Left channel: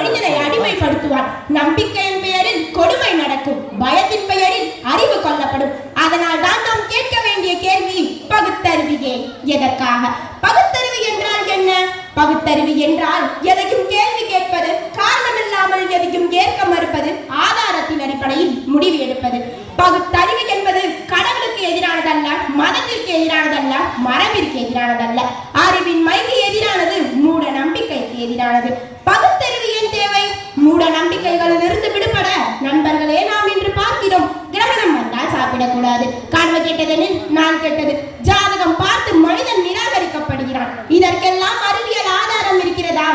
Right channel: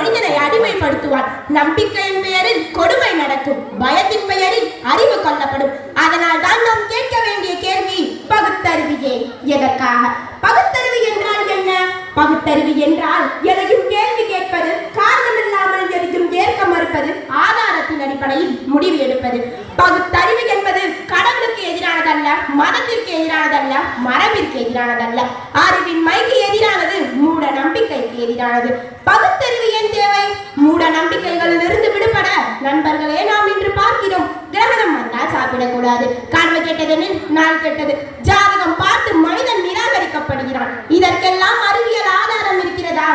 மனிதனை அடிமைப்படுத்துவான். நம்பிக்கையின் பெயரில் கொடுமை நடக்கும், பயத்தின் பெயரில் அறிவு கொல்லப்படும். அதனால் தான் நாம் கேட்க வேண்டிய கேள்வி பகுத்தறிவு எதற்காக? பகுத்தறிவு என்றால் என்ன? பகுத்தறிவு என்றால் எதையும் கேள்வி கேட்பது, காரணமில்லாமல் எதையும் ஏற்க மறுப்பது, ஆதாரத்தின் அடிப்படையில் முடிவு எடுப்பது. பகுத்தறிவு என்பது கடவுளுக்கு எதிரானதல்ல, மதத்திற்கு எதிரானதல்ல, மரபிற்கு எதிரானதல்ல, அறிவின் மைக்கு எதிரானது, மூட நம்பிக்கைக்கு எதிரானது. பகுத்தறிவு ஏன் தேவை? மூட நம்பிக்கைகளில் இருந்து விடுபட நண்பர்களே நாம் இன்று பார்க்கிறோம். கிரகணம் வந்தால் சாப்பிடக்கூடாது, கனவு கெட்டதெனில் நான் கெட்டது, ஜாதகம் பார்த்து மனிதன் நிராகரிக்கப்படுகிறான். இதற்கெல்லாம் அறிவியல் ஆதாரம் இருக்கிறதா?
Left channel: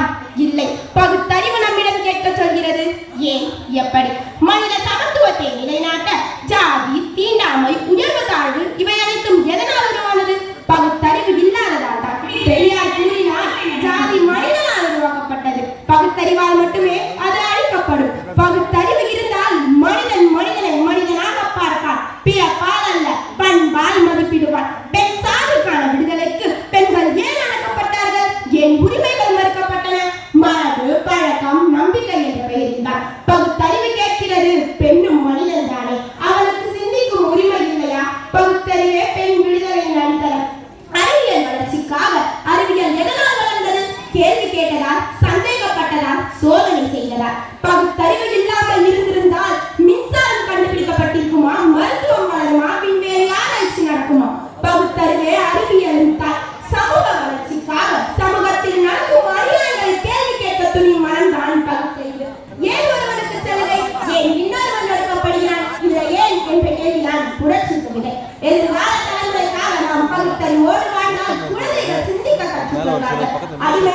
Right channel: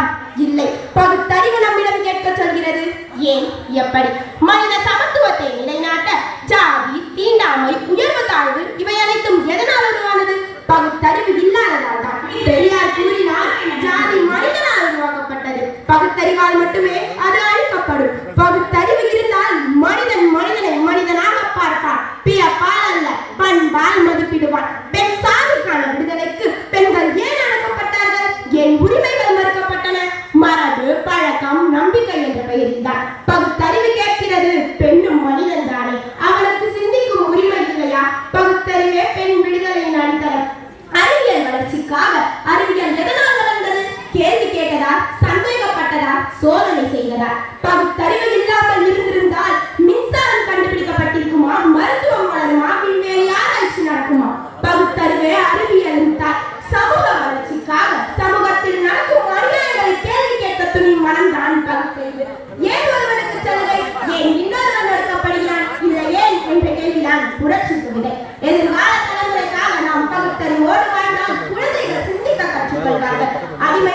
இல்லை. பகுத்தறிவு நம்மிடம் கேட்க சொல்கிறது. ஏன், எப்படி? மனித சமத்துவத்தை நிலைநாட்ட ஜாதி, தீண்டாமை, உயர்வு தாழ்வு இவை அனைத்தும் எதனால் உருவானது? பகுத்தறிவு இல்லாததால் தான். பெரியார் கூறினார், ஜாதி மனிதனால் உருவாக்கப்பட்டது, பகுத்தறிவால் மட்டுமே அது அழிக்கப்படும். பகுத்தறிவு இருந்தால் மனிதன் மனிதனை மனிதனாக பார்ப்பான், பிறப்பால் அல்ல பண்பால் மதிப்பிடுவான். பெண் சாதிக்கான விடுதலைக்கு பெண்கள் ஏன் அடக்கப்பட்டார்கள்? ஏன் உரிமைகள் மறுக்கப்பட்டன? மரபு, பழக்கம், நம்பிக்கை என்ற பெயரில் தான். பகுத்தறிவு கேட்கிறது, பெண்ணும் மனிதன் தானே, அவனுக்கு சிந்திக்கும் உரிமை இல்லையா? பகுத்தறிவே பெண் விடுதலையின் அடித்தளம். அறிவியல் வளர்ச்சிக்காக அறிவியல் எதனால் வளர்ந்தது? கேள்வி கேட்டதா, சந்தேகப்பட்டதா, சோதனை செய்ததா? பகுத்தறிவு இல்லாமல் இருந்திருந்தால் மின்சாரம் கண்டுபிடிக்கப்பட்டிருக்குமா, மருத்துவம் வளருமா, விண்வெளி ஆராய்ச்சி நடக்குமா? பகுத்தறிவே அறிவியலின் தாய். சமூக வளர்ச்சிக்காக சமூகத்தில் நடக்கும் அநியாயங்களை கேள்வி கேட்க துணியும் மனம்தான் பகுத்தறிவு. ஏன் ஒருவருக்கு சலுகை, ஏன் இன்னொருவன் ஒடுக்கப்படுகிறான், இந்த ஏன் என்ற கேள்விதான் புரட்சி கவிதை. எதிர்கால தலைமுறைக்காக நாம் பகுத்தறிவோடு வாழ்ந்தால் குழந்தைகள் சிந்திக்க கற்றுக்கொள்வார்கள். அடிமை